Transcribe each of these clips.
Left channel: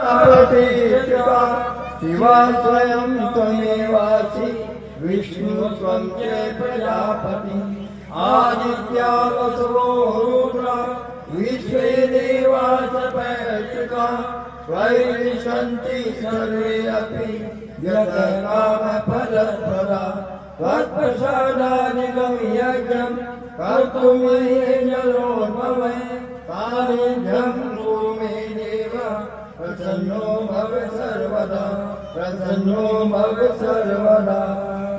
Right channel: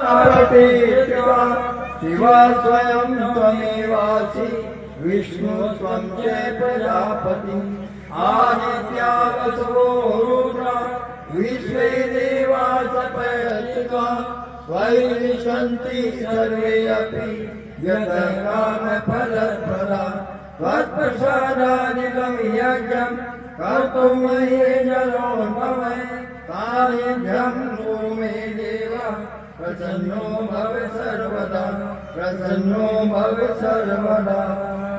प्रतिष्ठा शिवा स्वयं त्वमेवासि विष्णु त्वं च प्रजापति आदित्या वसवो रुद्रा विश्वे देवा सपैतृका त्वयि सर्वे अपि यतकामफलप्रदा त्वत्प्रसादादिकं यज्ञं कर्तुं महे जलोद्भव सानिध्यं कुरु मे देव प्रसन्नो भव सर्वदा प्रसन्नो भव सर्वदा।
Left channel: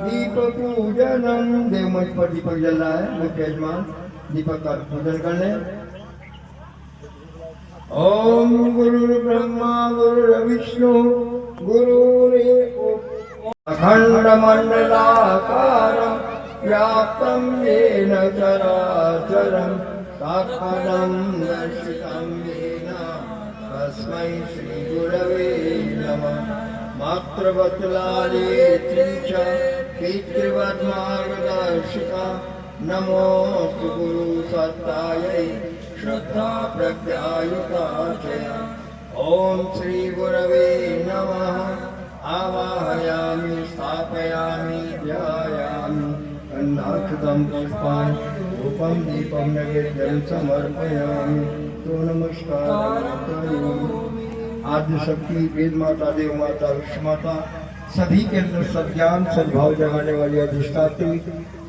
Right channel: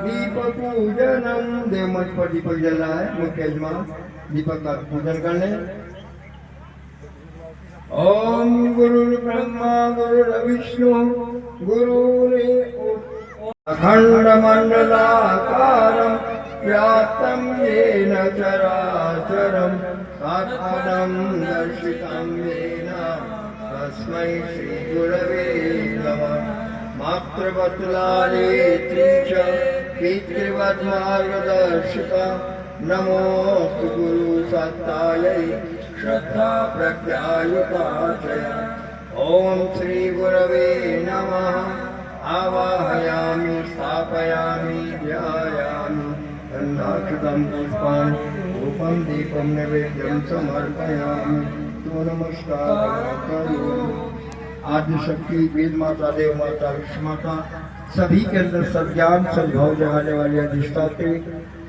दीपक पूजनम देव मंच पर दीपक जलना है। मुख्य यजमान दीपक का पूजन कर ले। ओम गुरु ब्रह्मा गुरु विष्णु गुरुरेव अखंड मंडलाकारं व्याप्तं येन चराचरं तत्पदं दर्शितं येन तस्मै श्री गुरवे नमः। मातृवत्सलालेत्री च पितृवत् मार्गदर्शिका नमोस्तु गुरु सत्तायै श्रद्धा प्रज्ञायुता च। ओम श्री गुरवे नमः। आवाहयामि स्थापयामि ध्यायामि अन्नाक्षतं पुष्पाणि धूपं दीपं नैवेद्यं समर्पयामि। तो नमस्कार करोमि। आदि शक्ति वेद माता देव माता विश्व माता सभी के अंदर सद्ज्ञान सद्भाव जगाने वाली अधिष्ठात्री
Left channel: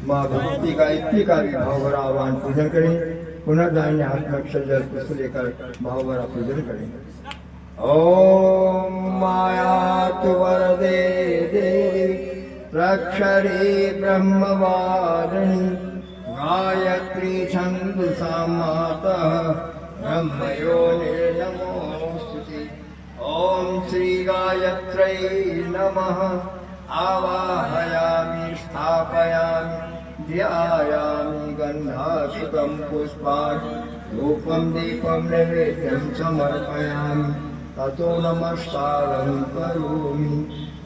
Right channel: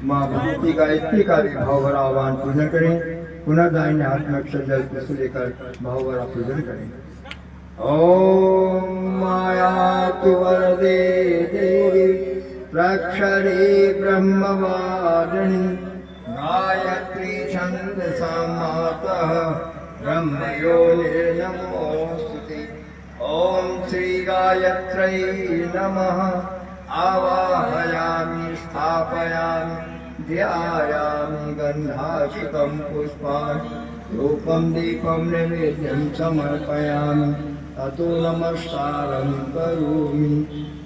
माँ भगवती गायत्री का भी भावभरा आह्वान पूजन करें। पुनः दाहिने हाथ में अक्षर जल पुष्प लेकर भावभरा पूजन करें। ओम माया तु वरदे देवी प्रक्षरे ब्रह्मवारिणी गायत्री छंदसा मातः ब्रह्मयोनिर्नमोस्तुते। ओम श्री गायत्रै नमः। आवाहयामि स्थापयामि ध्यायामि गन्धाक्षतं पुष्पाणि धूपं दीपं नैवेद्यं समर्पयामि। ततो नमस्कारं करोमि।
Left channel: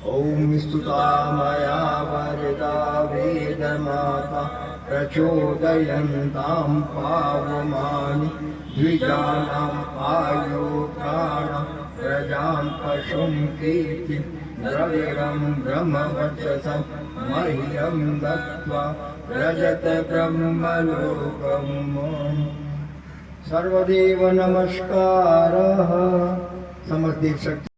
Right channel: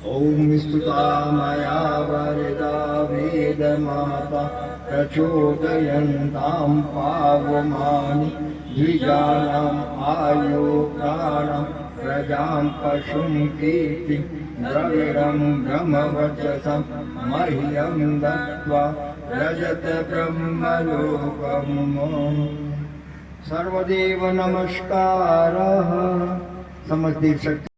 ओम स्तुता मया वरदा वेदमाता प्रचोदयन्तां पावमानि द्विजानाम् आयु प्राणं प्रजां पशुं कीर्तिं द्रविडं ब्रह्मवर्चसं मह्यं दत्त्वा व्रजत ब्रह्मलोकम्। सर्वदेव नमस्कारः। समस्त देव शक्ति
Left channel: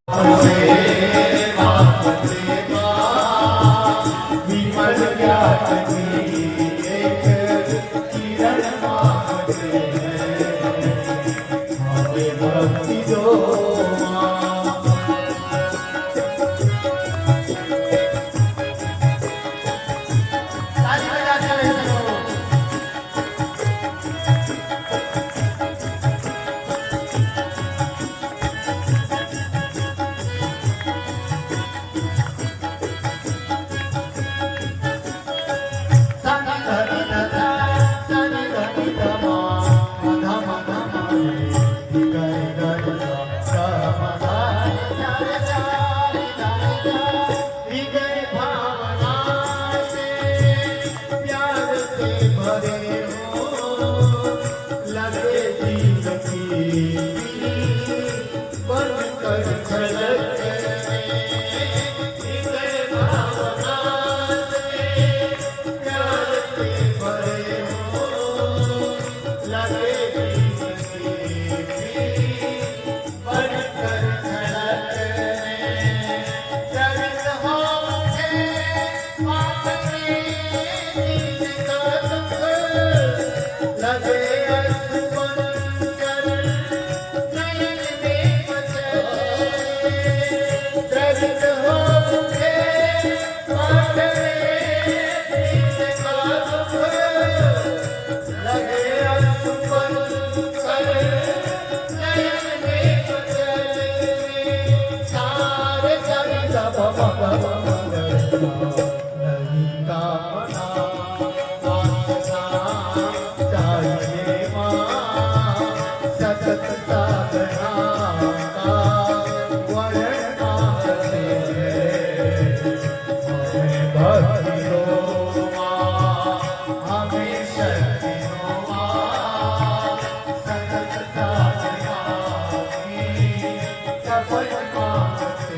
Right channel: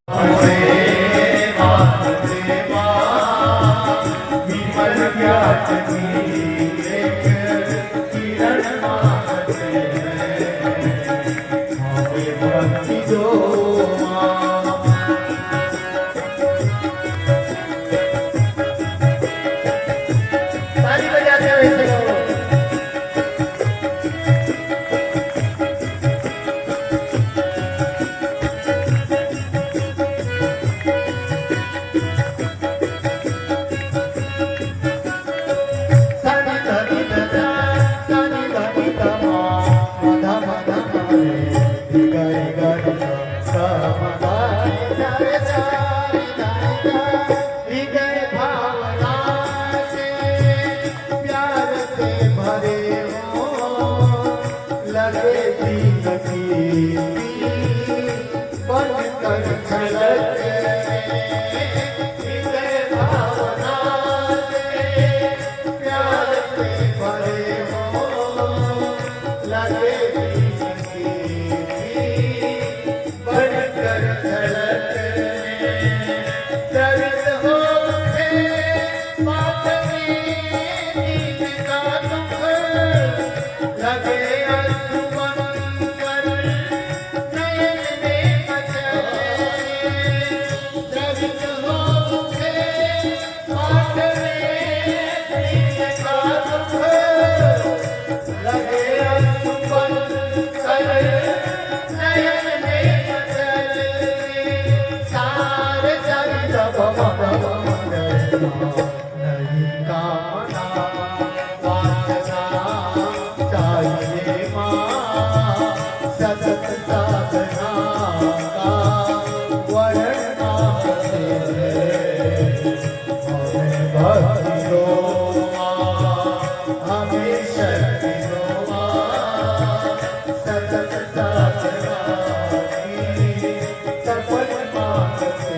मांगते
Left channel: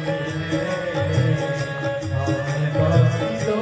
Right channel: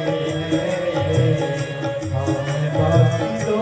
हैं, हमें भक्ति दो।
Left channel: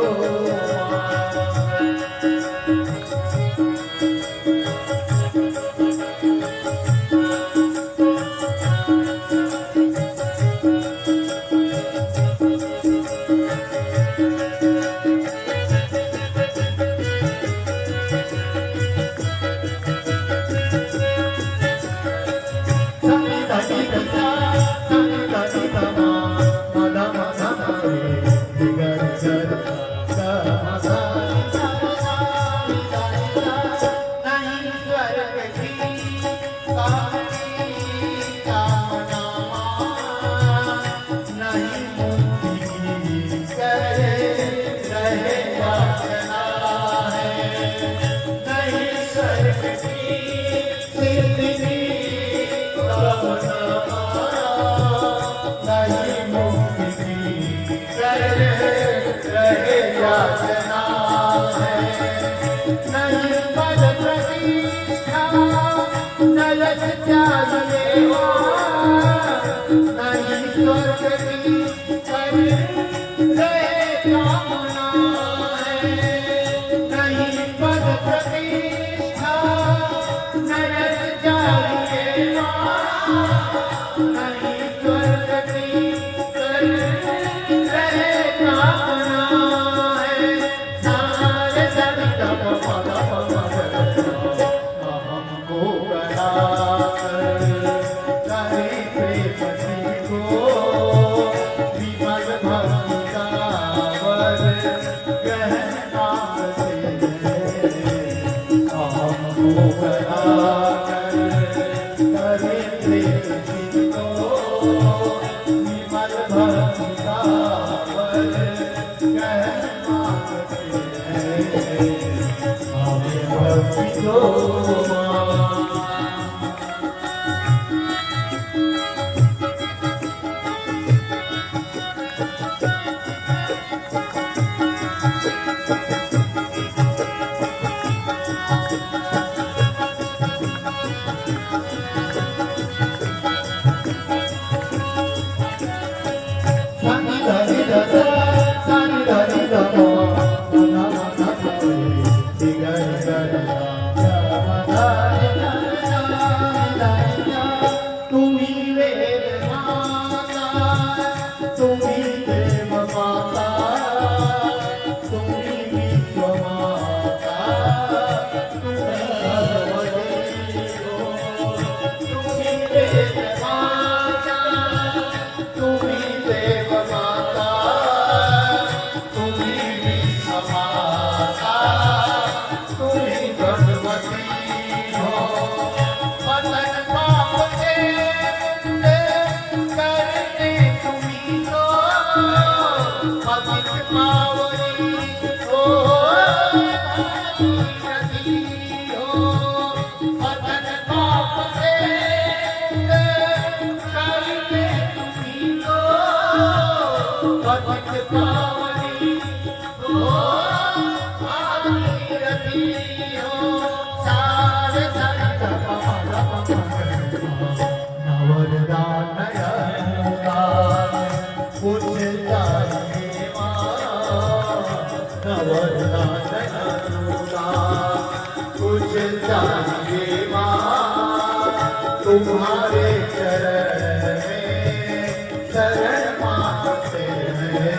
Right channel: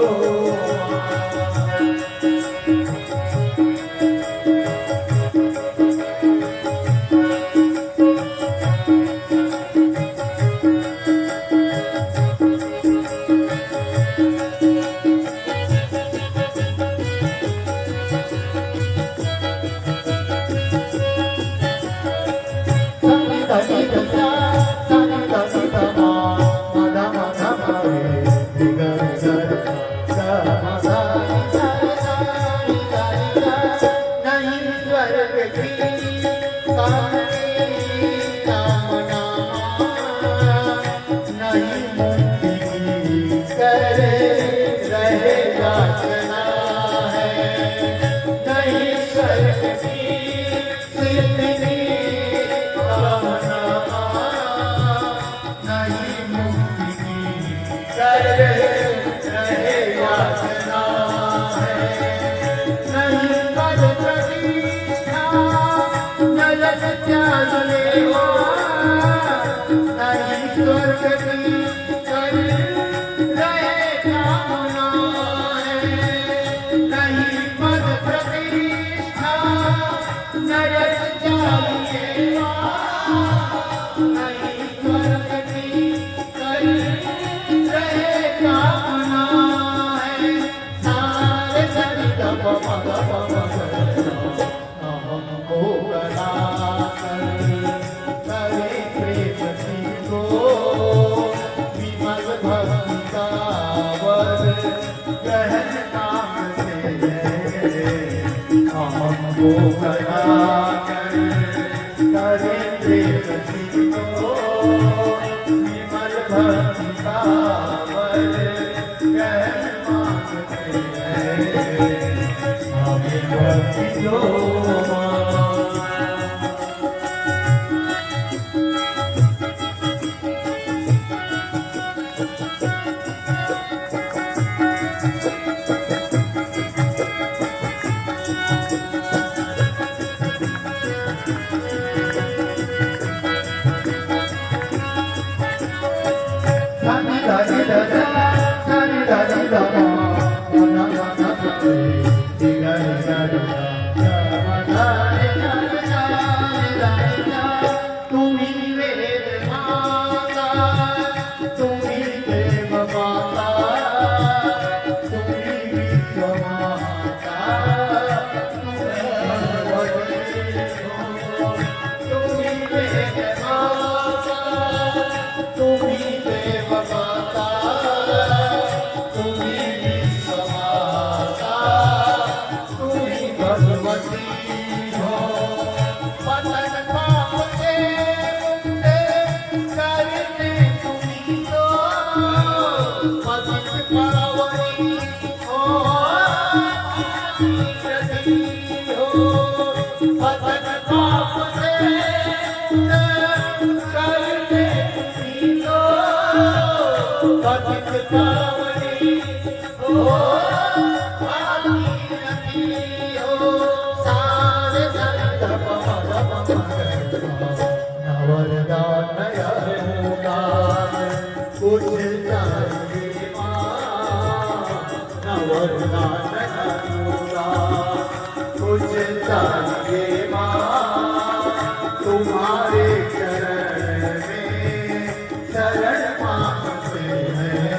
तुम्हारे चरण में शरण मांगते हैं,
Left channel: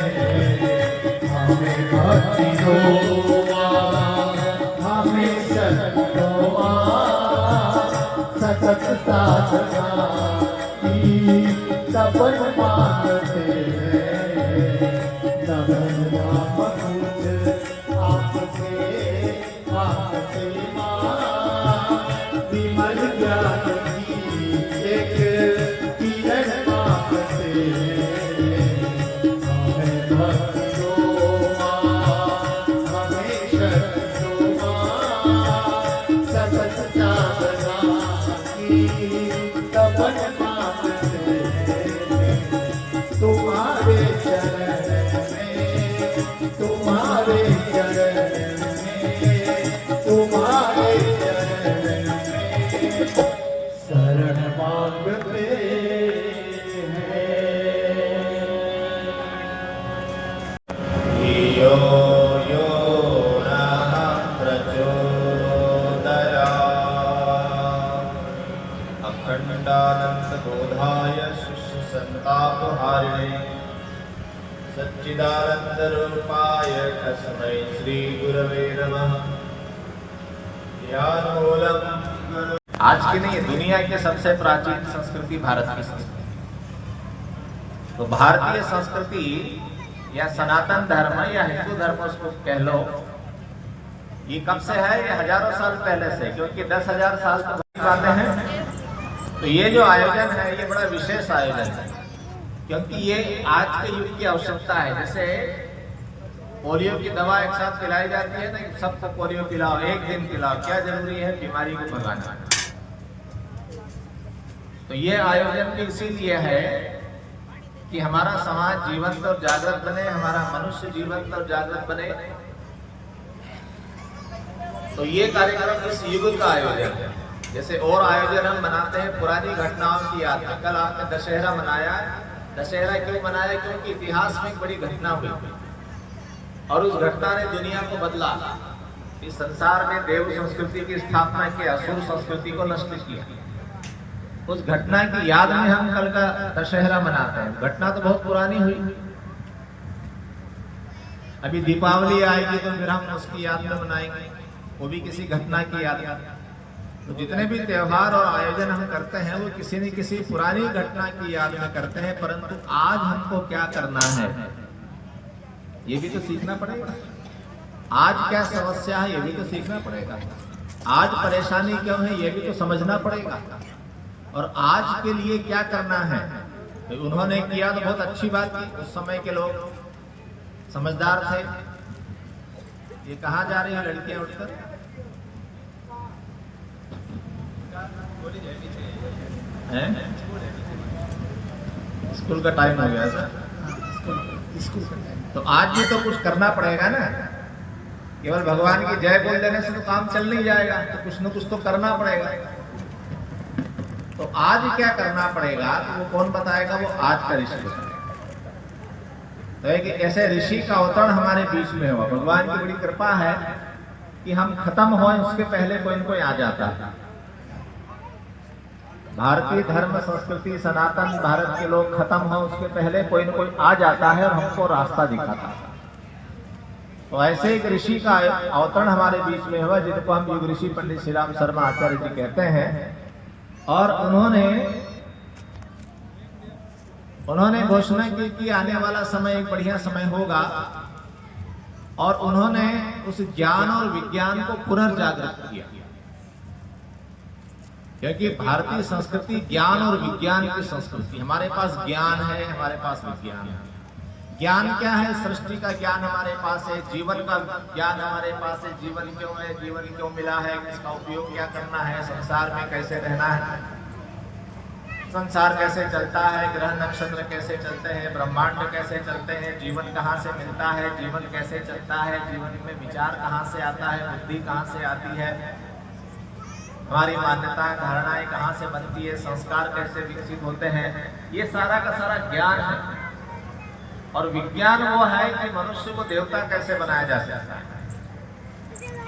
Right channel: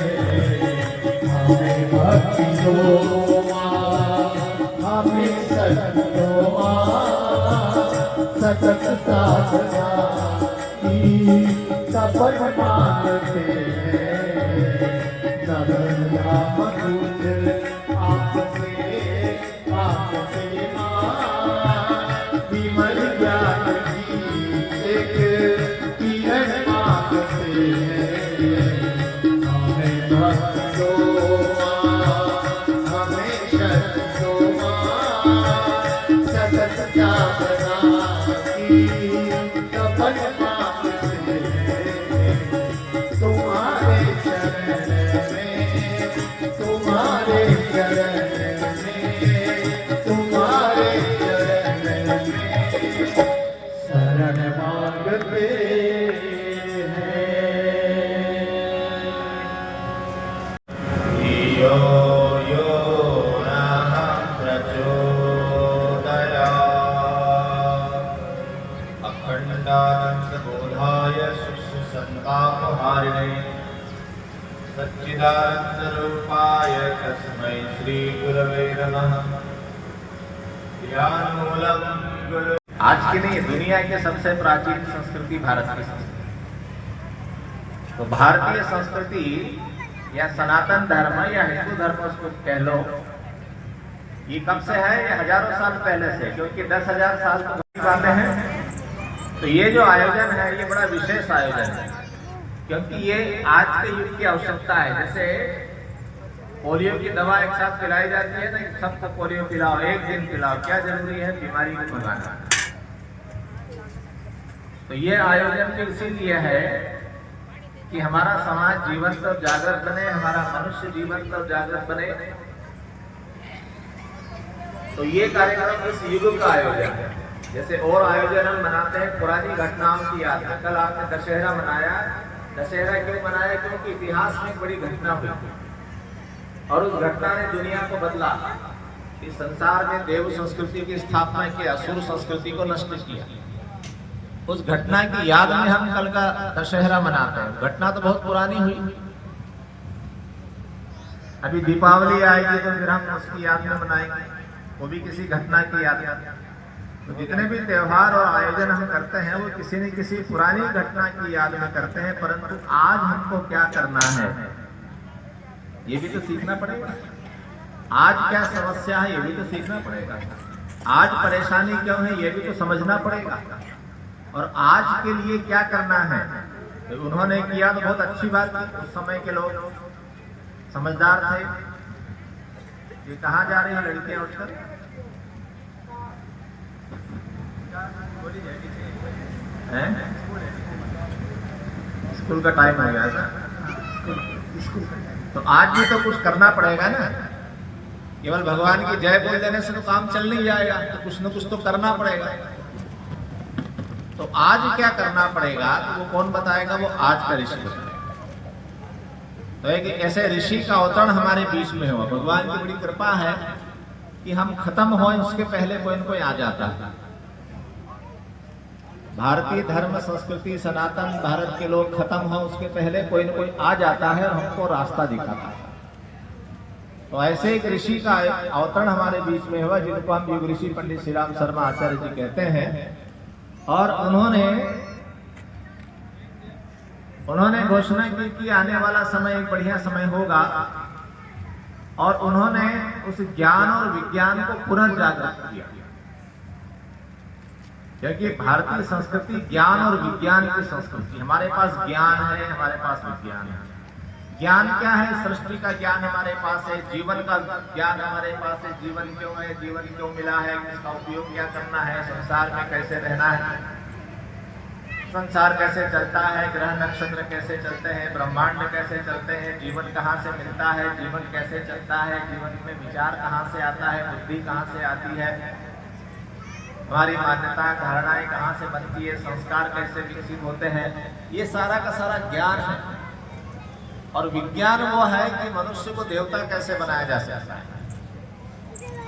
हमें भक्ति दो माँ, हमें शक्ति दो माँ, सतत साधना की सफल मांगते हैं, नमन नाम तुझ आपसे माँ, विमल ज्ञान एक किरण मांगते हैं, हमें भक्ति दो माँ, हमें शक्ति दो माँ, सतत साधना की सफल मांगते हैं, तुम्हारे चरण में, तुम्हारे चरण में, तुम्हारे चरण में शरण मांगते हैं। संतापहारिणे सच्चिदानंदरूपाय तस्मै श्री गुरवे नमः। ज्ञानमूलम् आज की नहीं, दुनिया की सबसे प्राचीन संस्कृति भारत की संस्कृति। तो भारतीय संस्कृति या सनातन धर्म या हिंदू धर्म उसको कह लो, ये कब से है? ये हजारों साल पहले से, क्योंकि 10,000 साल तो बातें हैं। तो ये जो आयोजन है ये बड़ा विशेष आयोजन है, क्योंकि ये आज के युग की आवश्यकता है। जैसे पोलियो की दवा एक साथ पिलाई जाती है तो सबको पोलियो पिलाओ, एक दिन पिलाओ, क्या जरूरी है? बीमारी को भगाना। तो ये आयोजन भी इसीलिए है कि हमारा समाज जीवंत और जागृत बने, हमारा मनुष्य जीवंत और जागृत बने। तो ये कार्यक्रम इस युग का आयोजन है। जैसे और आयोजन हम बनाते हैं पुरानी घटनाओं की याद में। कल आपने दशहरा मनाया। दशहरा क्यों मनाया? क्योंकि इतिहास में एक बड़ी घटना हुई और उस घटना ने दुनिया को बदला। इस संसार में देव संस्कृति की स्थापना की, असुर संस्कृति को नष्ट किया। उस घटना की याद में हम कल का दशहरा मनाते हैं। घटना तो बहुत पुरानी हुई। अभी दीपावली आएगी तो फिर हम उसकी याद में मनाएंगे, वो भी किसी घटना की याद में। तो जितने भी त्योहार और आयोजन हम करते हैं वो किसी न किसी पुरानी घटना की याद में करते हैं। परंतु आज हमको क्या करना है ये भी तो सीखना पड़ेगा। आज क्या समस्या है ये भी तो सीखना पड़ेगा। आज परेशानी क्यों है ये भी तो समझना पड़ेगा। और आज के लिए क्या करना है तो उन्होंने किया तो बहुत अच्छी बात की। उस समय के लोग समझदार थे। ये कहाँ जा रही है लड़कियां उठकर? स्कूल का टाइम हो गया सर। स्कूल का टाइम। तो आज भी तो कुछ करना पड़ेगा ना। केवल भगवान की जय बोल देने से तो काम चल नहीं जाएगा। तो कुछ न कुछ तो करना पड़ेगा। तो आज क्या करना पड़ेगा तो वो कौन बताएगा? वो आज का ऋषि बताएगा। तो एक ऐसे ऋषि का अवतरण हमारे बीच में हुआ। भगवान की बड़ी कृपा है कि हम खत्म हो उसके पहले कोई न कोई आ जाता है। भारतीय धर्म संस्कृति सनातन भारत के लोग खत्म हो उसके पहले कोई न कोई आ जाता है और हमको रास्ता दिखाता है। तो ऐसे एक ऋषि का अवतरण हमारे बीच में हुआ जिनको हम युग ऋषि पंडित श्री राम शर्मा आचार्य जी कहते हैं। और उन्होंने घोषणा की कि आने वाला समय एक बढ़िया समय होगा। और उन्होंने उस ज्ञान और विज्ञान को पुनर्जागृत किया, क्योंकि भारतीय संस्कृति ज्ञान और विज्ञान की संस्कृति। हमारे पास ज्ञान है, हमारे पास विज्ञान है। ज्ञान क्या है? सृष्टि का ज्ञान हमारे पास है। जीवन का ज्ञान हमारे पास है। जीवन क्यों है, जीवन क्यों मिला है, इसका उपयोग क्या करना है, संसार में कैसे रहना है, संसार कैसे चलता है, ग्रह नक्षत्र कैसे चलते हैं, ब्रह्मांड कैसे चलते हैं, जीवन कहाँ से मिलता है, जीवन कैसे चलता है, जीवन में विचार कहाँ से आता है, बुद्धि कहाँ से आती है, हमारी मान्यता धारणाएं कहाँ से बनती है, संस्कार कैसे विकसित होते हैं। ये सारा का सारा ज्ञान है। और विज्ञान वो है कि मनुष्य को देवता कैसे बनाया जा सकता है।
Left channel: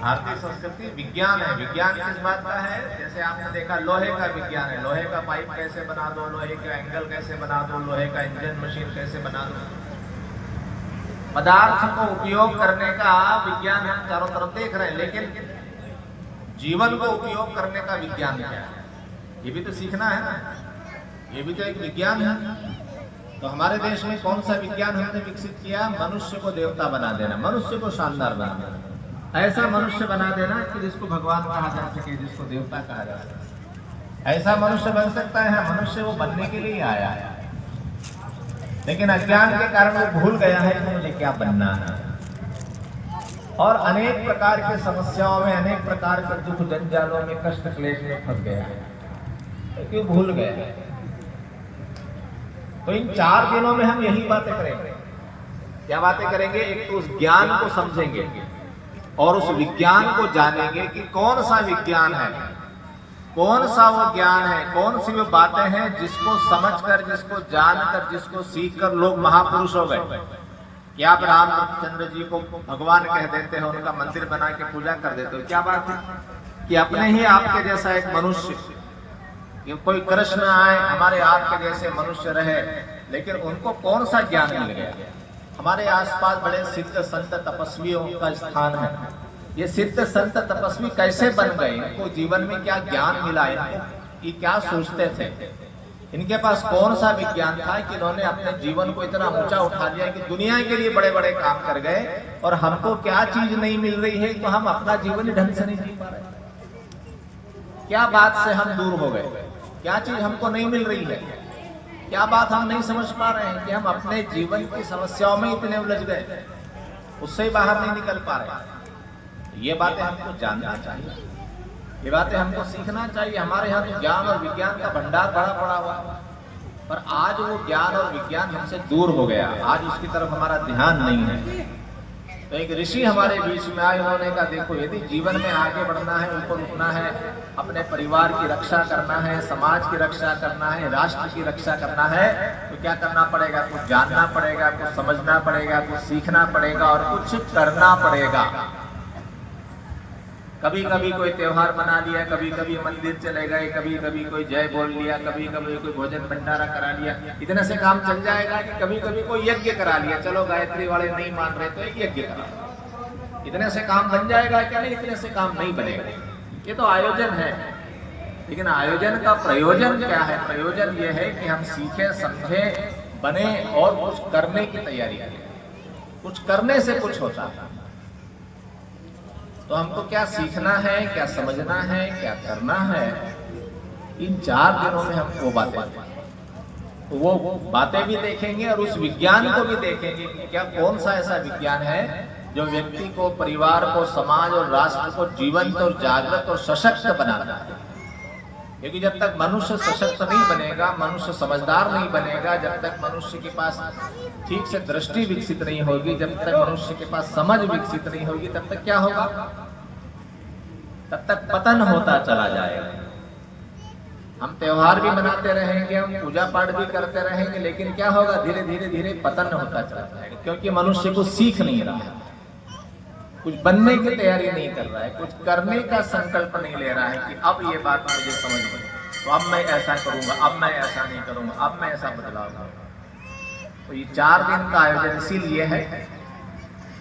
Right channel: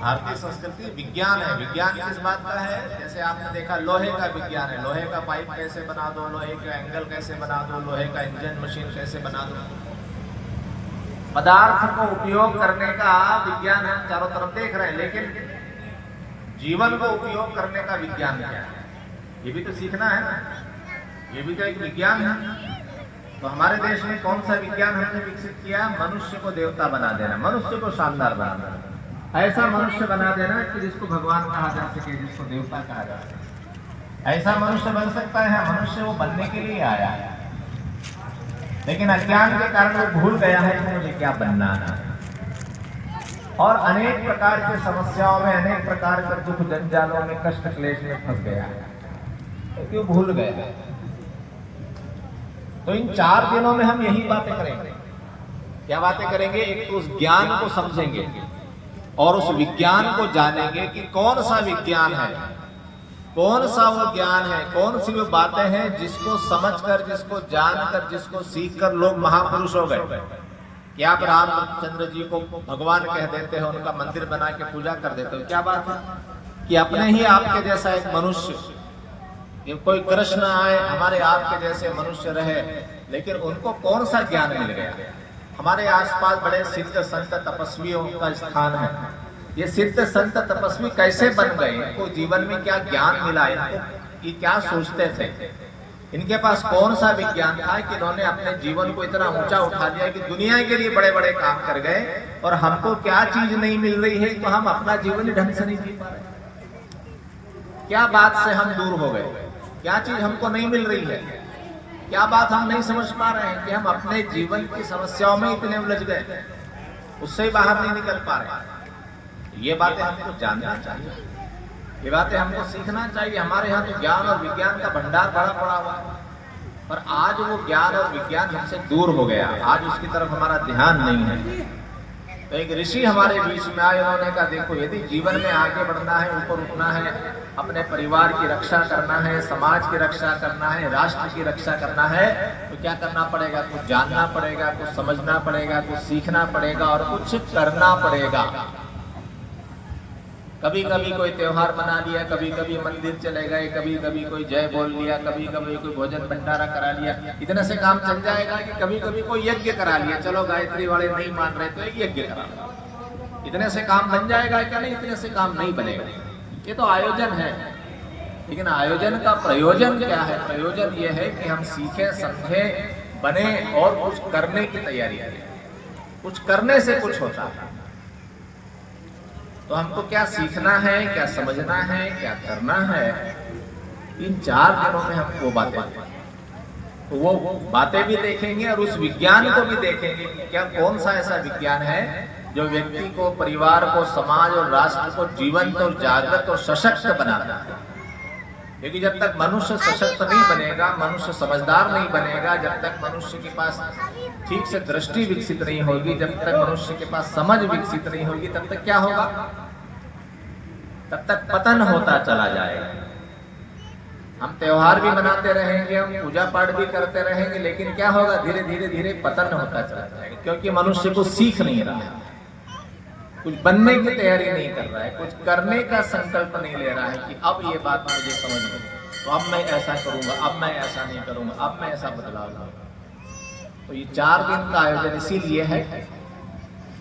भारतीय संस्कृति विज्ञान है। विज्ञान किस बात का है? जैसे आपने देखा लोहे का विज्ञान है। लोहे का पाइप कैसे बना दो, लोहे का एंगल कैसे बना दो, लोहे का इंजन मशीन कैसे बना दो। पदार्थ को उपयोग करने का विज्ञान हम चारों तरफ देख रहे हैं, लेकिन जीवन को उपयोग करने का विज्ञान क्या है ये भी तो सीखना है ना। ये भी तो एक विज्ञान है। तो हमारे देश में कौन सा विज्ञान हमने विकसित किया? मनुष्य को देवता बना देना, मनुष्य को शानदार बना देना, ऐसा मनुष्य बना देना कि जिसको भगवान कहा जा सके, जिसको देवता कहा जा सके। ऐसा मनुष्य बन सकता है। मनुष्य वो बनने के लिए आया है, लेकिन अज्ञान के कारण वो भूल गया है कि मुझे क्या बनना है। और अनेक प्रकार की समस्याओं में, अनेक प्रकार के दुख जंजालों में, कष्ट क्लेश में फंस गया है, क्यों भूल गया है। तो इन 4 दिनों में हम यही बातें करेंगे। क्या बातें करेंगे? एक तो उस ज्ञान को समझेंगे और उस विज्ञान को जानेंगे कि कौन सा विज्ञान है, कौन सा वो ज्ञान है, कौन सी वो बातें हैं जिसको समझकर, जिसको जानकर, जिसको सीखकर लोग महापुरुष हो गए। कि आप रामचंद्र जी को भगवान कह देते हो, उनका मंदिर बना के पूजा कर देते हो। क्या बात है कि अपने ही आपके जैसा एक मनुष्य कि कोई कृष्ण आए हमारे आपके जैसे मनुष्य रहे, लेकिन उनको कौन सा ज्ञान मिल गया? हमारे आसपास बड़े सिद्ध संत तपस्वियों का स्थान है। ये सिद्ध संत तपस्वी कैसे बन गए? इनको जीवन में क्या ज्ञान मिला? इनको ये क्या सोचते थे? इनके पास कौन सा विज्ञान था कि इन्होंने अपने जीवन को इतना ऊंचा उठा दिया कि दुनिया के लिए बड़े बड़े काम कर गए, और हमको क्या चीज नहीं मिल रही है तो हम अपना जीवन ही ढंग से नहीं जी पा रहे? क्या बात से हम दूर हो गए? क्या चीज हमको नहीं मिल रही है? क्या बात हम नहीं समझ पा रहे हैं कि हम अपने जीवन की समस्याओं में इतने उलझ गए, उससे ही बाहर नहीं निकल पा रहे? ये बातें हमको जानना चाहिए, ये बातें हमको सीखना चाहिए। हमारे यहाँ तो ज्ञान और विज्ञान का भंडार बड़ा पड़ा हुआ है, पर आज वो ज्ञान और विज्ञान हमसे दूर हो गया, आज उसकी तरफ हमारा ध्यान नहीं है। तो एक ऋषि हमारे बीच में आए, उन्होंने कहा देखो यदि जीवन में आगे बढ़ना है, ऊपर उठना है, अपने परिवार की रक्षा करना है, समाज की रक्षा करना है, राष्ट्र की रक्षा करना है, तो क्या करना पड़ेगा? कुछ जानना पड़ेगा, कुछ समझना पड़ेगा, कुछ सीखना पड़ेगा और कुछ करना पड़ेगा। कभी कभी कोई त्योहार मना लिया, कभी कभी मंदिर चले गए, कभी कभी कोई जय बोल लिया, कभी कभी कोई भोजन भंडारा करा लिया, इतने से काम चल जाएगा? कि कभी कभी कोई यज्ञ करा लिया, चलो गायत्री वाले नहीं मान रहे तो एक यज्ञ करा, इतने से काम बन जाएगा? क्या नहीं, इतने से काम नहीं बनेगा। ये तो आयोजन है, लेकिन आयोजन का प्रयोजन क्या है? प्रयोजन ये है कि हम सीखे, समझे, बने और कुछ करने की तैयारी करें। कुछ करने से कुछ होता है। तो हमको क्या सीखना है, क्या समझना है, क्या करना है, इन 4 दिनों में हम वो बातें, तो वो बातें भी देखेंगे और उस विज्ञान को भी देखेंगे कि क्या कौन सा ऐसा विज्ञान है जो व्यक्ति को, परिवार को, समाज और राष्ट्र को जीवंत और जागृत और सशक्त बनाता है। क्योंकि जब तक मनुष्य सशक्त नहीं बनेगा, मनुष्य समझदार नहीं बनेगा, जब तक मनुष्य के पास ठीक से दृष्टि विकसित नहीं होगी, जब तक मनुष्य के पास समझ विकसित नहीं होगी, तब तक क्या होगा? तब तक पतन होता चला जाएगा। हम त्योहार भी मनाते रहेंगे, हम पूजा पाठ भी करते रहेंगे, लेकिन क्या होगा? धीरे धीरे धीरे पतन होता चला जाएगा, क्योंकि मनुष्य को सीख नहीं रहा है, कुछ बनने की तैयारी नहीं कर रहा है, कुछ करने का संकल्प नहीं ले रहा है कि अब ये बात मुझे समझ में, तो अब मैं ऐसा करूंगा, अब मैं ऐसा नहीं करूंगा, अब मैं ऐसा बदलाव करूंगा। तो ये 4 दिन का आयोजन इसीलिए है,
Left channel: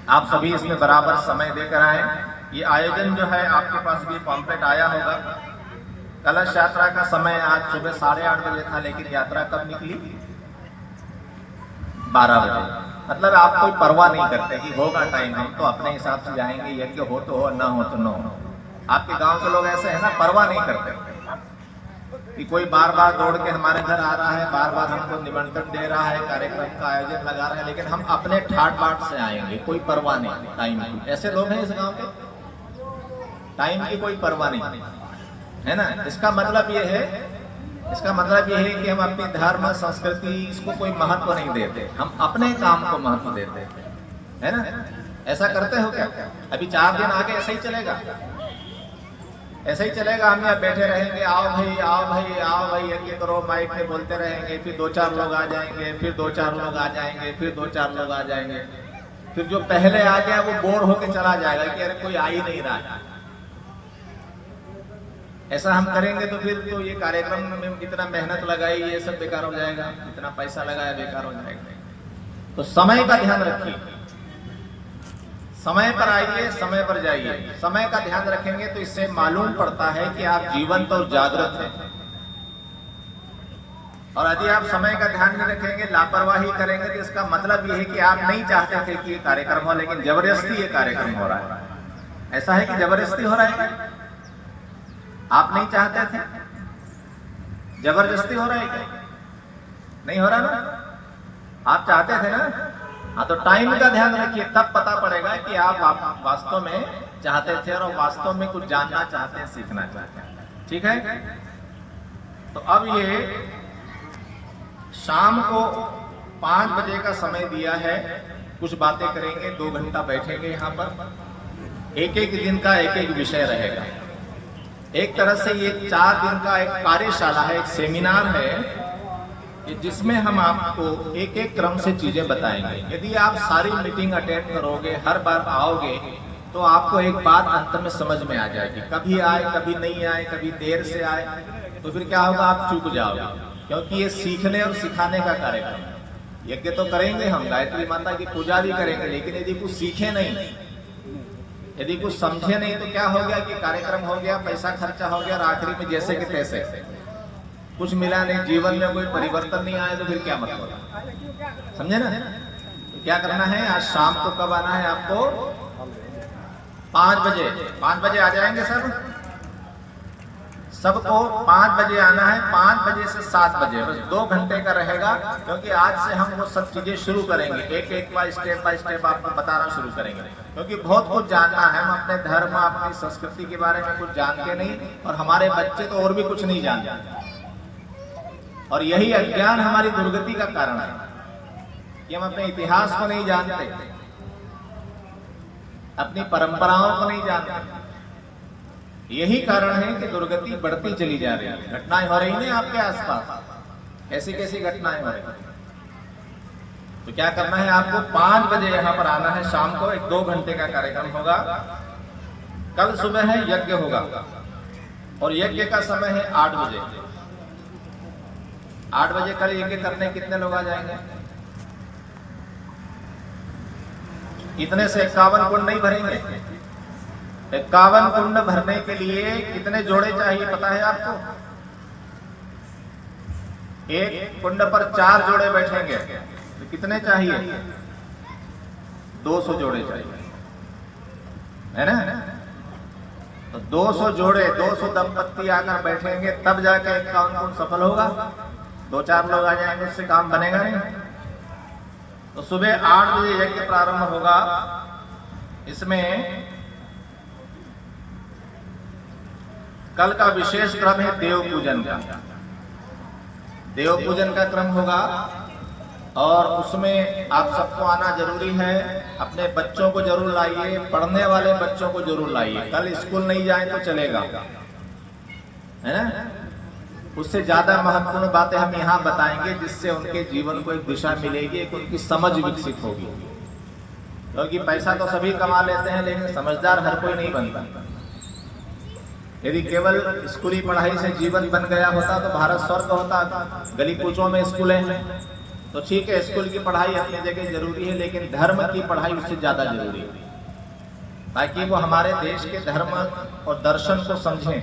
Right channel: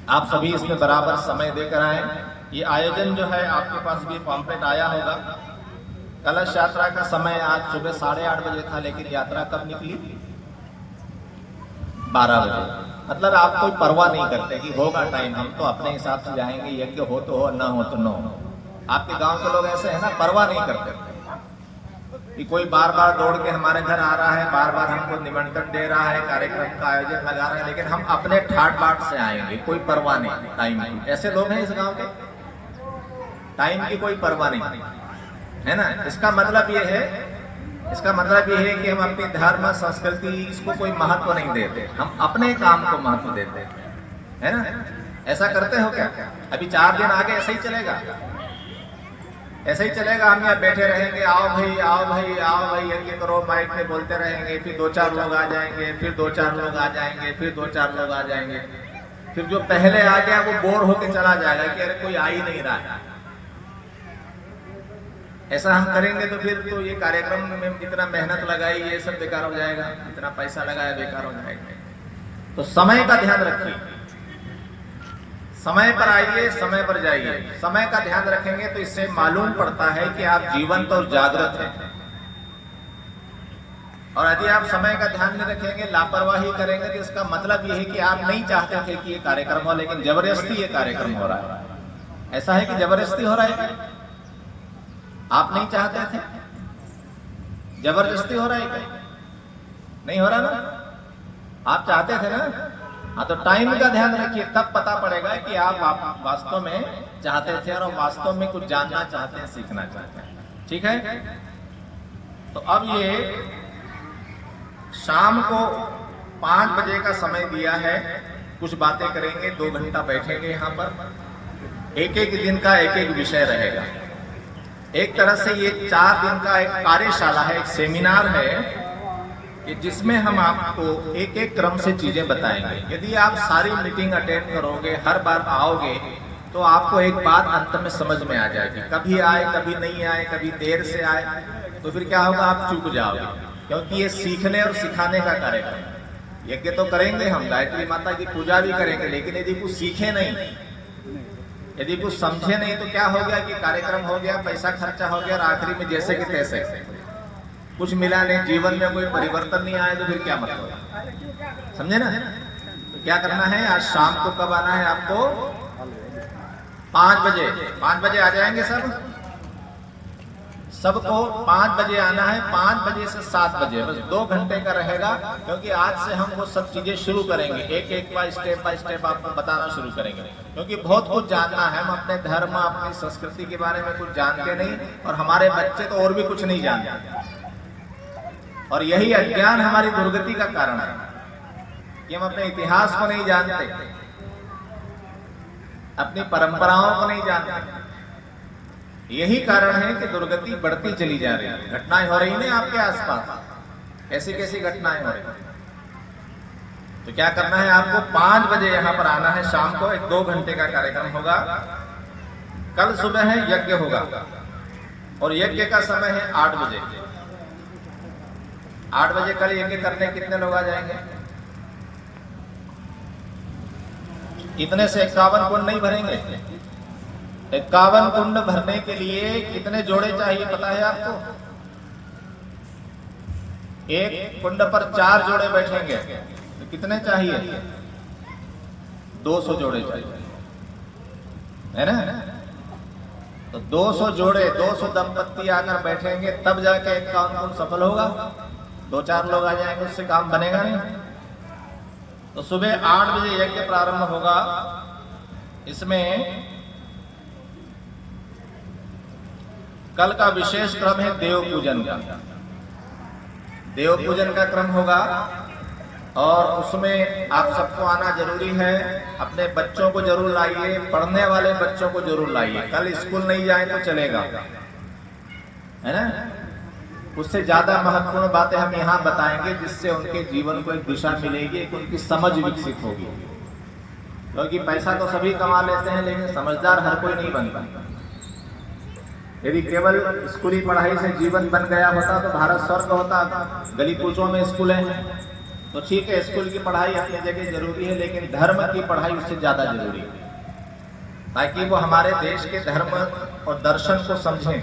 आप सभी इसमें बराबर समय देकर आए। ये आयोजन जो है, आपके पास भी पॉम्पलेट आया होगा। कलश यात्रा का समय आज सुबह 8:30 बजे था, लेकिन यात्रा कब निकली? 12 बजे। मतलब आप कोई परवाह नहीं करते कि होगा टाइम, हम तो अपने हिसाब से जाएंगे, यज्ञ हो तो हो, ना हो तो ना हो। आपके गांव के लोग ऐसे है ना, परवाह नहीं करते कि कोई बार बार दौड़ के हमारे घर आ रहा है, बार बार हमको निमंत्रण दे रहा है, कार्यक्रम का आयोजन लगा रहा है, लेकिन हम अपने ठाट बाट से आएंगे, कोई परवाह नहीं टाइम की। ऐसे लोग हैं इस गांव के, टाइम की कोई परवाह नहीं है ना। इसका मतलब ये है, इसका मतलब ये है कि हम अपनी धर्म, संस्कृति, इसको कोई महत्व नहीं देते, हम अपने काम को महत्व देते है ना। ऐसा करते हो क्या? अभी 4 दिन आगे ऐसे ही चलेगा, ऐसे ही चलेगा। हम यहाँ बैठे रहेंगे, आओ भाई, आओ भाई, आओ भाई, यज्ञ करो, माइक में बोलते रहेंगे, फिर 2-4 लोग आ जाएंगे, फिर 2-4 लोग आ जाएंगे, फिर 2-4 लोग आ जाएंगे, फिर जो पहले आ गया वो बोर होकर चला जाएगा कि अरे कोई आ ही नहीं रहा है। ऐसा हम करेंगे तो फिर तो ये कार्यक्रम में जितना मेहनत लगाई ये सब बेकार हो जाएगा, जितना पैसा लगाया बेकार हो जाएगा। तो समय का ध्यान रखिए, समय पर आइए, समय पर जाइए। समय का ध्यान रखेंगे तो इससे मालूम पड़ता है कि आप जीवंत और जागृत हैं। और यदि आप समय का ध्यान नहीं रखेंगे, लापरवाही करेंगे, तो इसका मतलब ये है कि आप नहीं चाहते थे कि ये कार्यक्रम हो, लेकिन जबरदस्ती ये कार्यक्रम हो रहा है। ऐसा है कि जबरदस्ती हो रहा है, आप नहीं चाहते थे, जबरदस्ती हो रहा है क्या? नहीं हो रहा ना, आप चाहते थे ना। हाँ, तो टाइम का ध्यान रखिए, तब पता पड़ेगा कि आप वास्तव में चाहते थे और वास्तव में कुछ जानना चाहते हैं, सीखना चाहते हैं। ठीक है, तो अब ये शाम को 5 बजे का समय दिया है, कुछ बातें करेंगे, 2 घंटा बैठेंगे यहाँ पर। एक दिन का एक विषय रहेगा। एक तरह से ये 4 दिन का एक कार्यशाला है, एक सेमिनार है कि जिसमें हम आपको एक क्रम से चीजें बताएंगे। यदि आप सारी मीटिंग अटेंड करोगे, हर बार आओगे, तो आपको एक बात अंत में समझ में आ जाएगी। कभी आए, कभी नहीं आए, कभी देर से आए, तो फिर क्या होगा, आप चूक जाओगे, क्योंकि ये सीखने और सिखाने का कार्यक्रम है। यज्ञ तो करेंगे हम, गायत्री माता की पूजा भी करेंगे, लेकिन यदि कुछ सीखे नहीं, यदि कुछ समझे नहीं, तो क्या हो गया कि कार्यक्रम हो गया, पैसा खर्चा हो गया और आखिरी में जैसे कि तैसे, कुछ मिला नहीं, जीवन में कोई परिवर्तन नहीं आया, तो फिर क्या मतलब, समझे ना। तो क्या करना है, आज शाम को कब आना है आपको, 5 बजे। 5 बजे आ जाएंगे सबको 5 बजे आना है। 5 बजे से 7 बजे, बस 2 घंटे का रहेगा, क्योंकि आज से हम वो सब चीजें शुरू करेंगे, एक बाय स्टेप आपको बताना शुरू करेंगे, क्योंकि बहुत कुछ जानना है। हम अपने धर्म, अपनी संस्कृति के बारे में कुछ जानते नहीं, और हमारे बच्चे तो और भी कुछ नहीं जानते, और यही अज्ञान हमारी दुर्गति का कारण है कि हम अपने इतिहास को नहीं जानते, अपनी परंपराओं को नहीं जानते। यही कारण है कि दुर्गति बढ़ती चली जा रही है। घटनाएं हो रही हैं आपके आसपास, ऐसी कैसी घटनाएं हो रही। तो क्या करना है, आपको 5 बजे यहां पर आना है शाम को। 1-2 घंटे का कार्यक्रम होगा। कल सुबह है यज्ञ होगा, और यज्ञ का समय है 8 बजे। 8 बजे कल यज्ञ करने कितने लोग आ जाएंगे? इतने से 51 कुंड नहीं भरेंगे। 51 कुंड भरने के लिए कितने जोड़े चाहिए पता है आपको? एक कुंड पर 4 जोड़े बैठेंगे, तो कितने चाहिए? 200 जोड़े चाहिए, है ना। तो 200 जोड़े, 200 दंपत्ति आकर बैठेंगे, तब जाके 51 कुंड सफल होगा। 2-4 लोग आ जाएंगे, उससे काम बनेगा नहीं। तो सुबह 8 बजे यज्ञ प्रारंभ होगा। इसमें कल का विशेष क्रम है देव पूजन का। देव पूजन का क्रम होगा, और उसमें आप सबको आना जरूरी है। अपने बच्चों को जरूर लाइए, पढ़ने वाले बच्चों को जरूर लाइए। कल स्कूल नहीं जाए तो चलेगा, है ना। उससे ज्यादा महत्वपूर्ण बातें हम यहाँ बताएंगे, जिससे उनके जीवन को एक दिशा मिलेगी, एक उनकी समझ विकसित होगी। क्योंकि पैसा तो सभी कमा लेते हैं, लेकिन समझदार हर कोई नहीं बनता। यदि केवल स्कूली पढ़ाई से जीवन बन गया होता तो भारत स्वर्ग होता। गली कूचों में स्कूल है, तो ठीक है, स्कूल की पढ़ाई अपनी जगह जरूरी है, लेकिन धर्म की पढ़ाई उससे ज्यादा जरूरी है, ताकि वो हमारे देश के धर्म और दर्शन को समझें।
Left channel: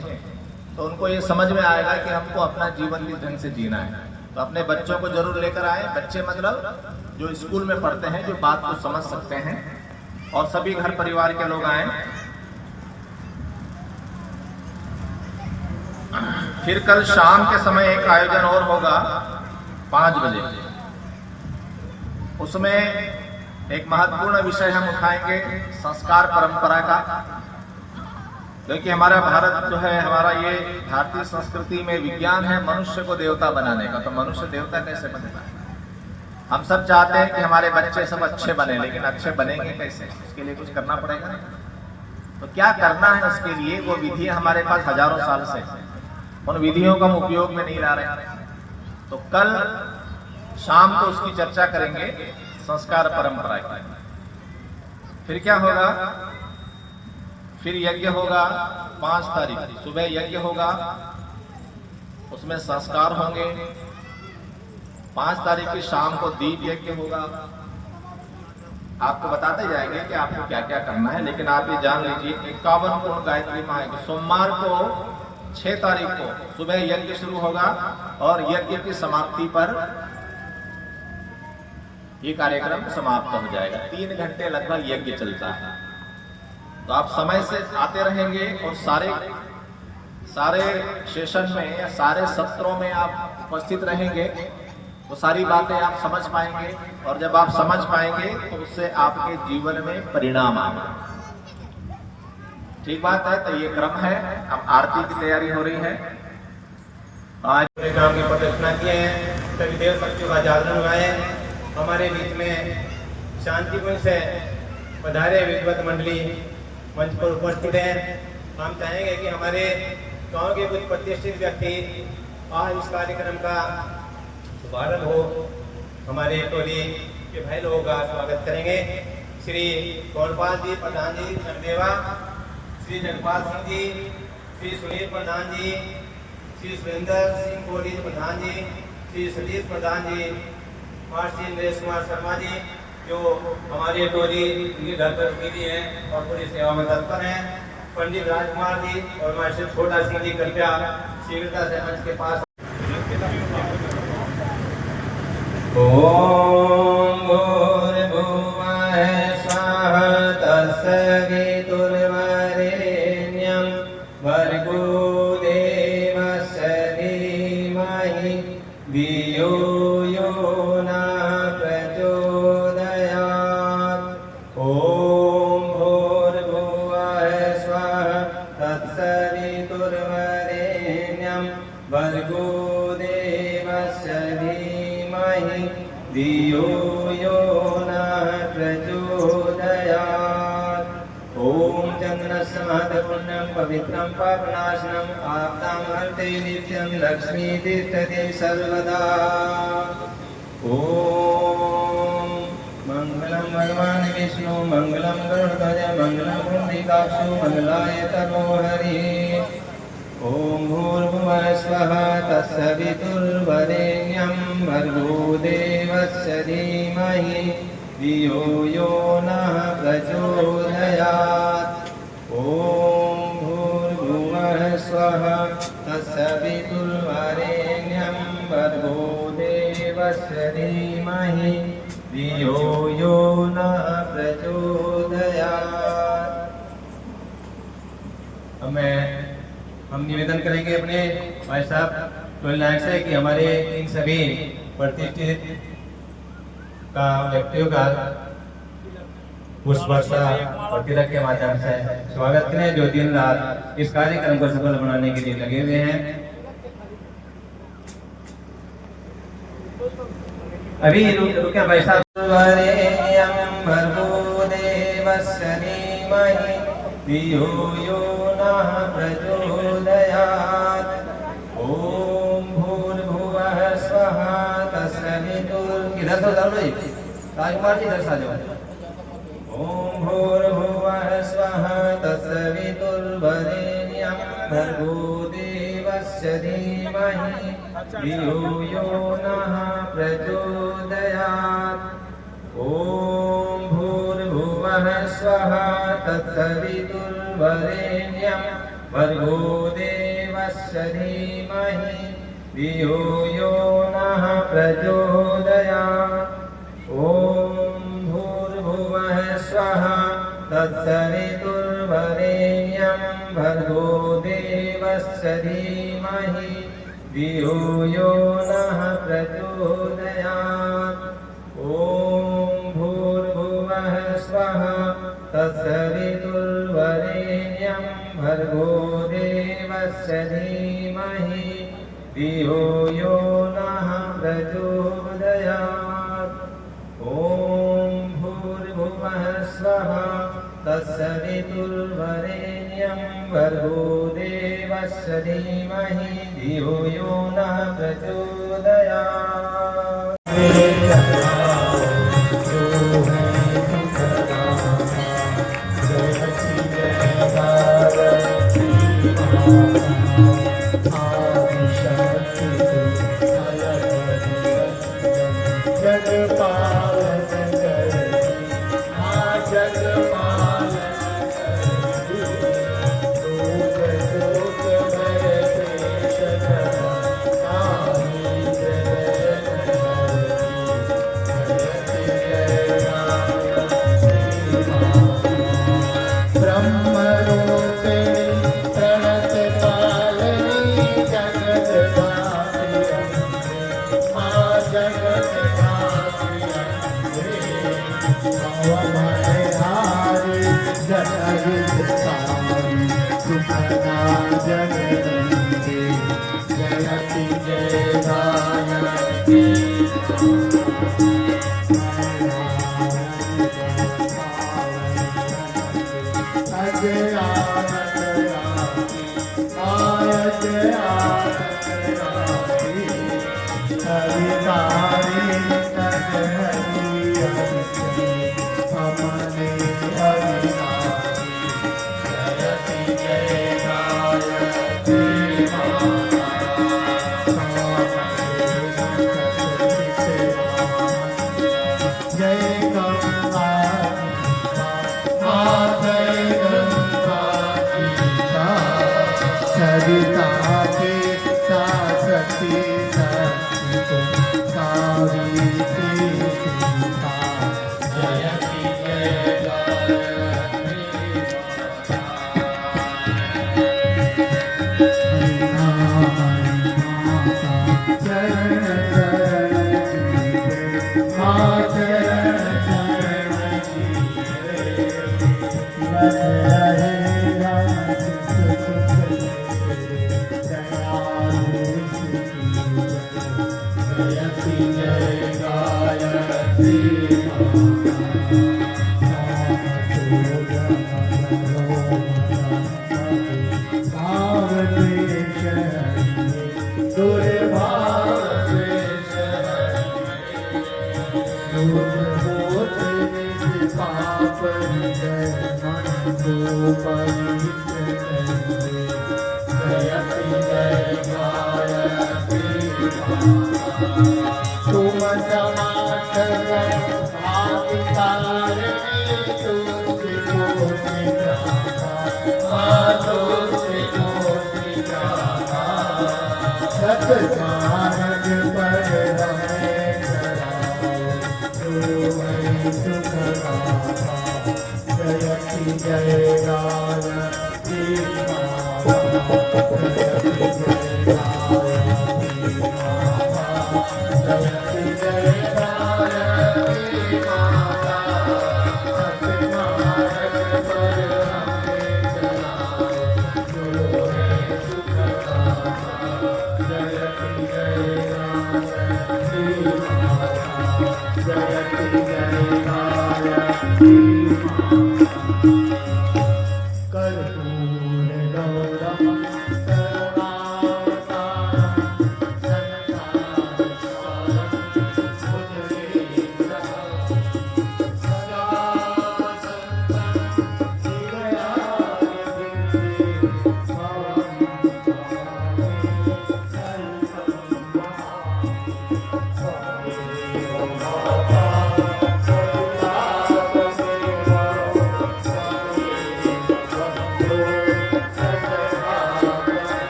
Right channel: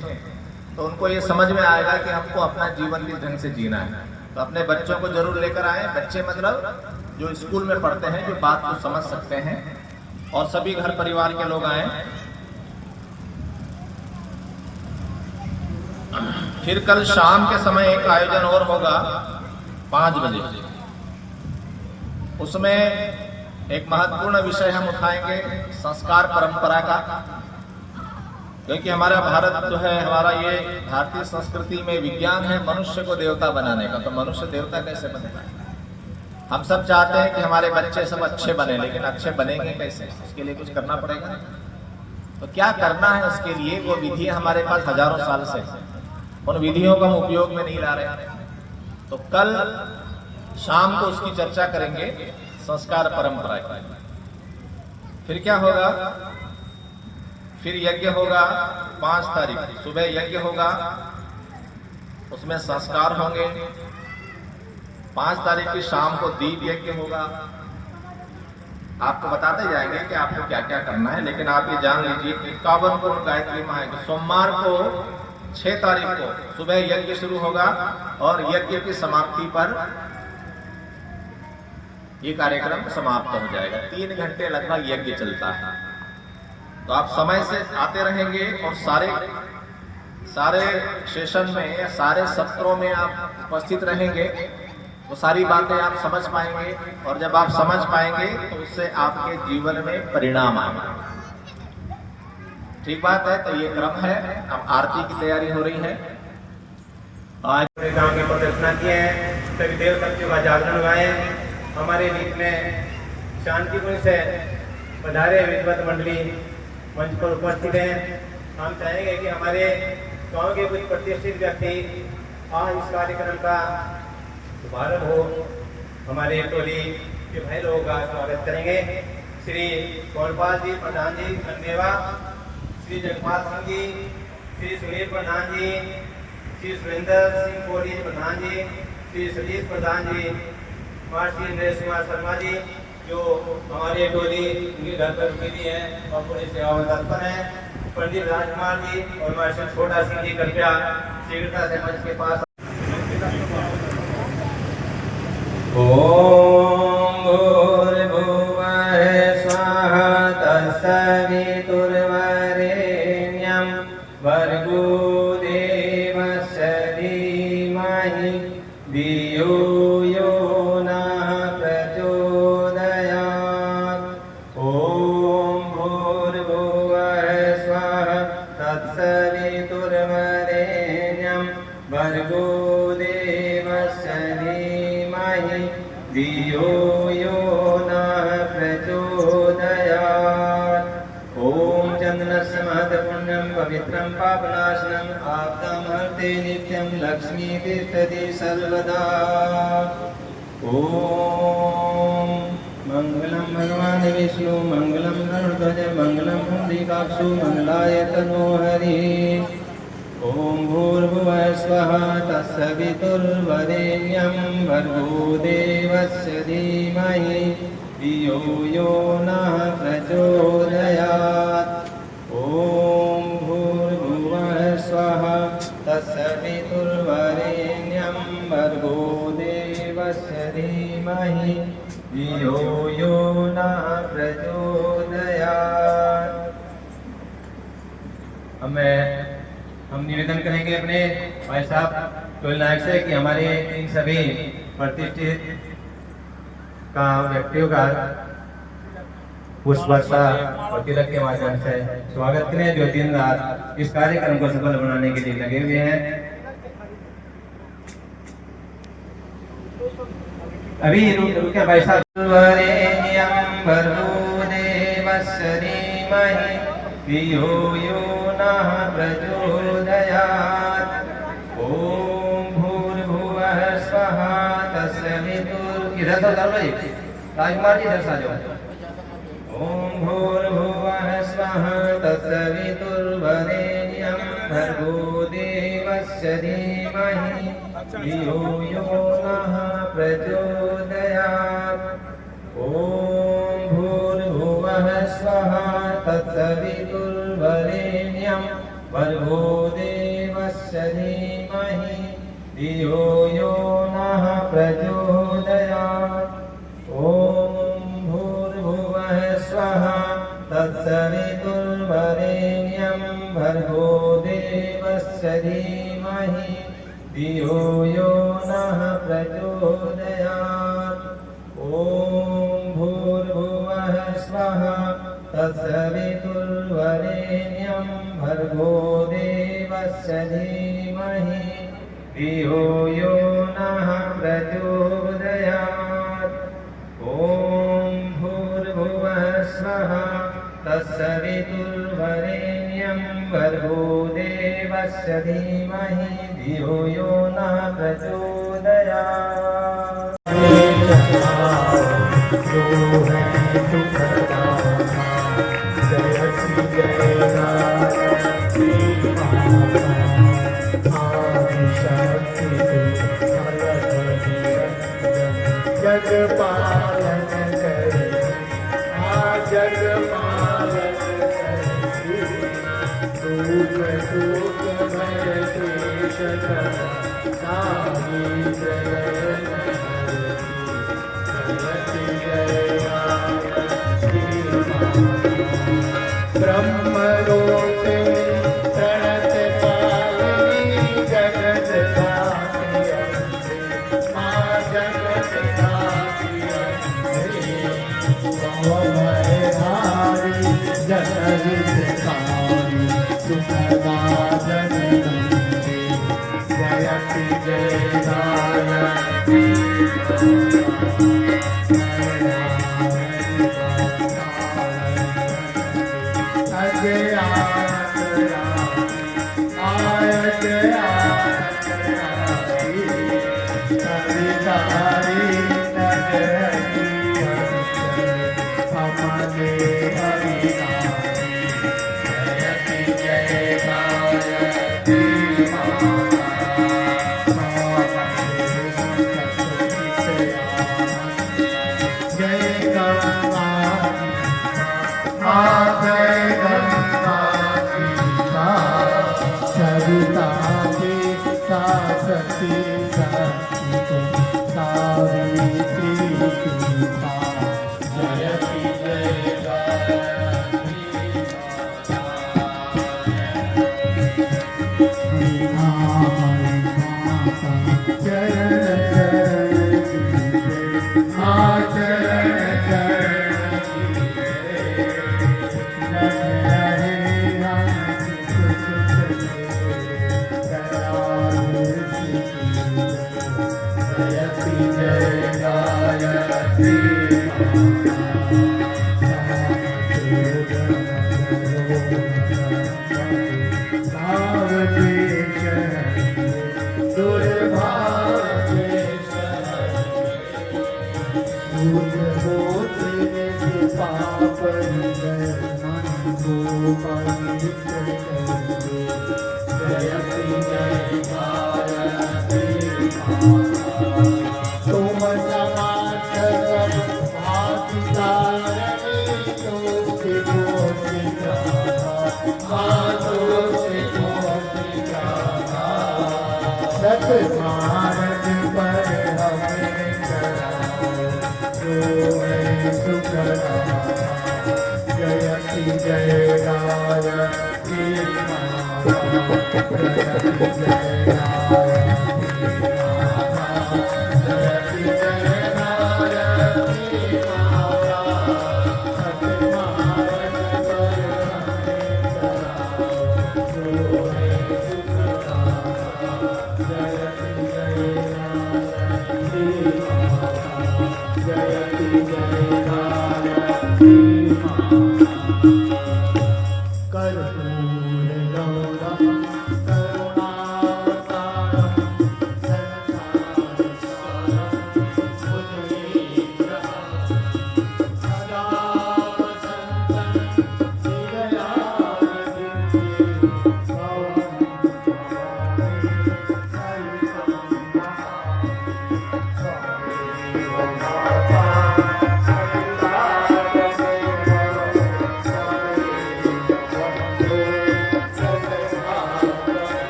तो उनको ये समझ में आएगा कि हमको अपना जीवन किस ढंग से जीना है। तो अपने बच्चों को जरूर लेकर आए। बच्चे मतलब जो स्कूल में पढ़ते हैं, जो बात को समझ सकते हैं, और सभी घर परिवार के लोग आए। फिर कल शाम के समय एक आयोजन और होगा 5 बजे। उसमें एक महत्वपूर्ण विषय हम उठाएंगे, संस्कार परंपरा का। क्योंकि हमारा भारत जो है, हमारा ये भारतीय संस्कृति में विज्ञान है मनुष्य को देवता बनाने का। तो मनुष्य देवता कैसे बनेगा? हम सब चाहते हैं कि हमारे बच्चे सब अच्छे बने, लेकिन अच्छे बनेंगे कैसे? उसके लिए कुछ करना पड़ेगा ना। तो क्या करना है उसके लिए? वो विधि हमारे पास हजारों साल से, उन विधियों का हम उपयोग में नहीं ला रहे। तो कल शाम को उसकी चर्चा करेंगे, संस्कार परंपरा की। फिर क्या होगा? फिर यज्ञ होगा 5 तारीख, सुबह यज्ञ होगा, उसमें संस्कार होंगे। 5 तारीख की शाम को दीप यज्ञ होगा। आपको बताते जाएंगे कि आपको क्या क्या करना है, लेकिन आप ये जान लीजिए कि 51 कुंड गायत्री माँ है। सोमवार को 6 तारीख को सुबह यज्ञ शुरू होगा, और यज्ञ की समाप्ति पर ये कार्यक्रम समाप्त हो जाएगा। 3 घंटे लगभग यज्ञ चलता है। तो आप समय से आते रहेंगे, और सारे सेशन में या सारे सत्रों में आप उपस्थित रहेंगे, तो सारी बातें आप समझ पाएंगे। और जब आप समझ पाएंगे तो उससे आपके जीवन में परिणाम आएगा। ठीक बात है। तो ये क्रम है। अब आरती की तैयारी हो रही है। आज काम की प्रतिष्ठा किए हैं, सभी देव शक्तियों का जागरण हुआ है। हमारे बीच में शांतिपूर्ण से पधारे विद्वत मंडली मंच पर उपस्थित हैं। हम चाहेंगे कि हमारे गांव के कुछ प्रतिष्ठित व्यक्ति आज इस कार्यक्रम का शुभारंभ हो। हमारे टोली के भाई लोगों का स्वागत करेंगे। श्री गौरपाल जी प्रधान जी संदेवा, श्री जगपाल सिंह जी, श्री सुनील प्रधान जी, श्री सुरेंद्र सिंह कोहली प्रधान जी, श्री सतीश प्रधान जी, मास्टर नरेश कुमार शर्मा जी जो हमारी टोली इनके घर पर रुकी हुई है और पूरी सेवा में तत्पर हैं, पंडित राजकुमार जी और मास्टर छोटा सिंह जी कृपया शीघ्रता से मंच के पास। ओम भूर्भुवः स्वः तत्सवितुर्वरेण्यं भर्गो देवस्य धीमहि धियो यो नः प्रचोदयात्। ओम भूर्भुवः स्वः तत्सवितुर्वरेण्यं भर्गो देवस्य धीमहि धियो यो नः प्रचोदयात्। ओम चंदनस्य महत्पुण्यं पवित्रं पापनाशनम् आपदां हरते नित्यं लक्ष्मी तिष्ठति सर्वदा। ओम मंगलम भगवान विष्णु मंगलम गरुड़ध्वज मंगलम पुंडरीकाक्षो मंगलाय तनोहरि। ओम भूर्भुवः स्वः तत्सवितुर्वरेण्यं भर्गो देवस्य धीमहि धियो यो नः प्रचोदयात्। ओम भूर्भुवः स्वः तत्सवितुर्वरेण्यं भर्गो देवस्य धीमहि धियो यो नः प्रचोदयात्। हम निवेदन करेंगे अपने भाई साहब टोल नायक से कि हमारे इन सभी प्रतिष्ठित का व्यक्तियों का पुष्प वर्षा और तिलक के माध्यम से स्वागत करें जो दिन रात इस कार्यक्रम को सफल बनाने के लिए लगे हुए हैं। अभी रुके भाई साहब। वरेण्यं भर्गो देवस्य धीमहि धियो यो नः प्रचोदयात्। ओम भूर्भुवः स्वः तत्सवितुर् इधर से उधर लो राजकुमार जी इधर से आ जाओ। ओम भूर्भुवः स्वः तत्सवितुर्वरेण्यं भर्गो देवस्य धीमहि धियो यो नः प्रचोदयात्। ओम भूर्भुवः स्वः तत्सवितुर्वरेण्यं भर्गो देवस्य धीमहि धियो यो नः प्रचोदयात्। ओम भूर्भुवः स्वः तत्सवितुर्वरेण्यं भर्गो देवस्य धीमहि धियो यो नः प्रचोदयात्। ओम भूर्भुवः स्वः तत्सवितुर्वरेण्यं भर्गो देवस्य धीमहि धियो यो नः प्रचोदयात्। ओम भूर्भुवः स्वः तत्सवितुर्वरेण्यं भर्गो देवस्य धीमहि धियो यो नः प्रचोदयात्।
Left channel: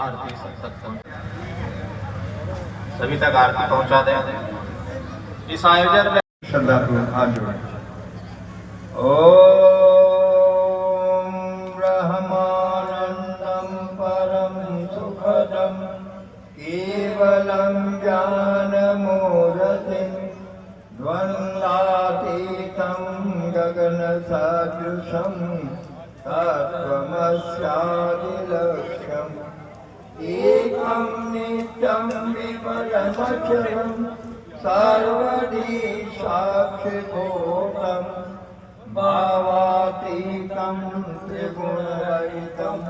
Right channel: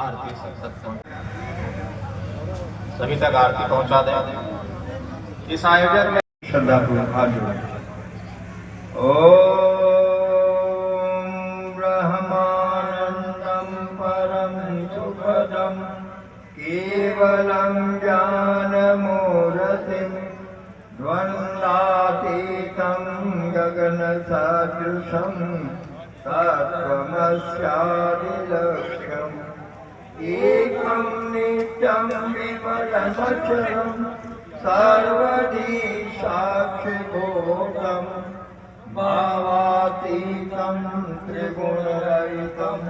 आरती सब तक सभी तक आरती पहुंचा दें। इस आयोजन में श्रद्धापूर्वक हाथ जोड़ें। ओम ब्रह्मानंदम परम सुखदम केवलम ज्ञानमूर्तिं द्वन्द्वातीतं गगन सदृशं तत्त्वमस्यादिलक्ष्यम् एकं नित्यं विमलमचलं सर्वधी साक्षिभूतं भावातीतं त्रिगुणरहितं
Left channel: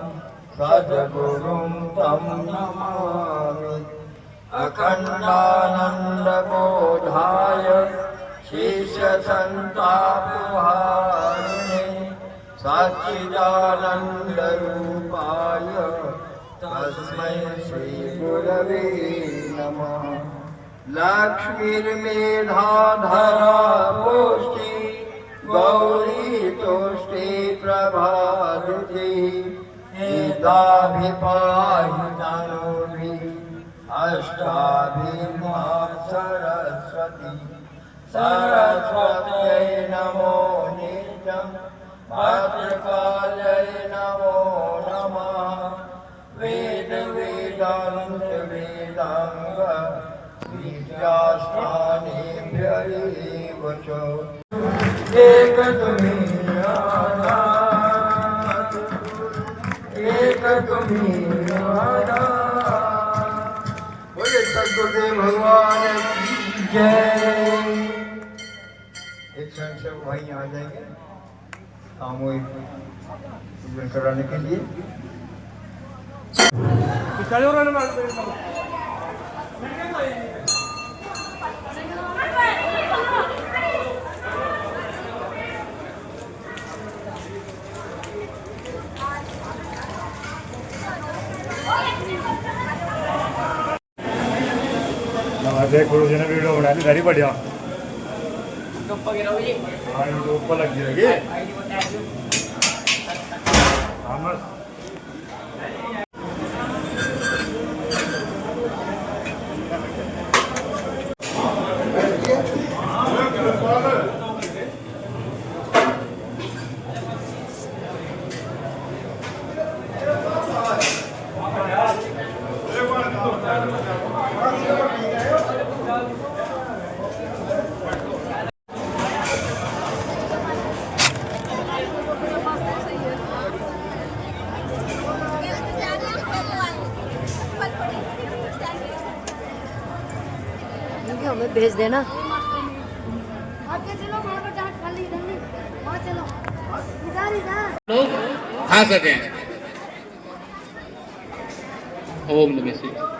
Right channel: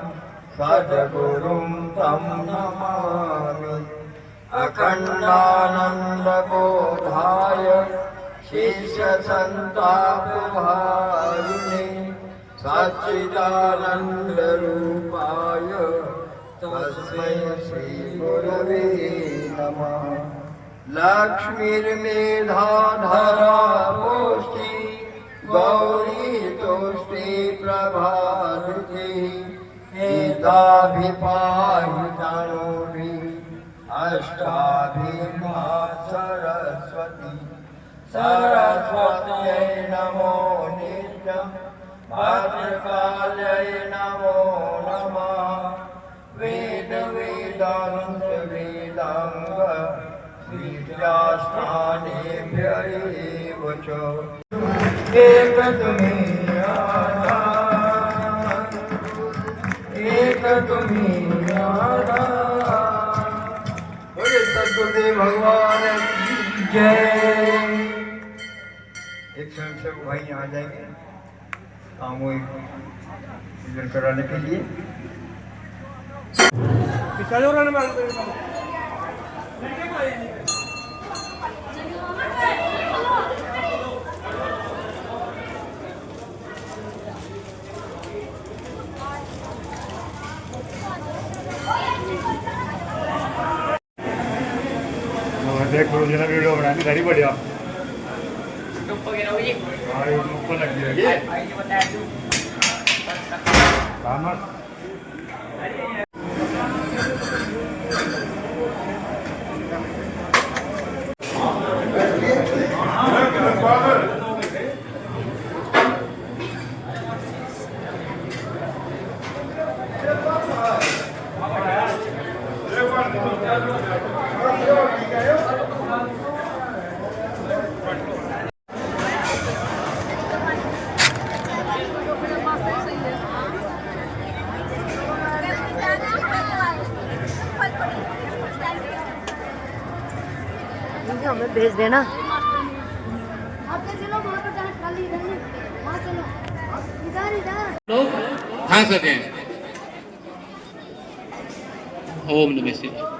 सद्गुरुं तं नमामि। अखण्डानन्दबोधाय शिष्यसन्तापहारिणे सच्चिदानन्दरूपाय तस्मै श्रीगुरवे नमः। लक्ष्मीर्मेधाधरा पुष्टि गौरी तुष्टि प्रभावती एताभिपाहि तनूभिः अष्टाभिर्मा सरस्वती सरस्वत्यै नमो नित्यं भद्रकाल्यै नमो नमः। वेद वेदांत वेदांग विद्यास्थानेभ्य एव च एक तुम्हीं आधार, एक तुम्हीं आधार। बोले सद्गुरुदेव भगवान की जय। एक क्षण से वो भाई यहाँ आ जाएंगे सामूहिक पूजन कराने के लिए। देख गुरु जी ने वीडियो बनानी घरी बढ़िया हाँ यूट्यूब पर लग जाएगी। हमें भेज देना। लोग खा सकें। ओम नमः शिवाय।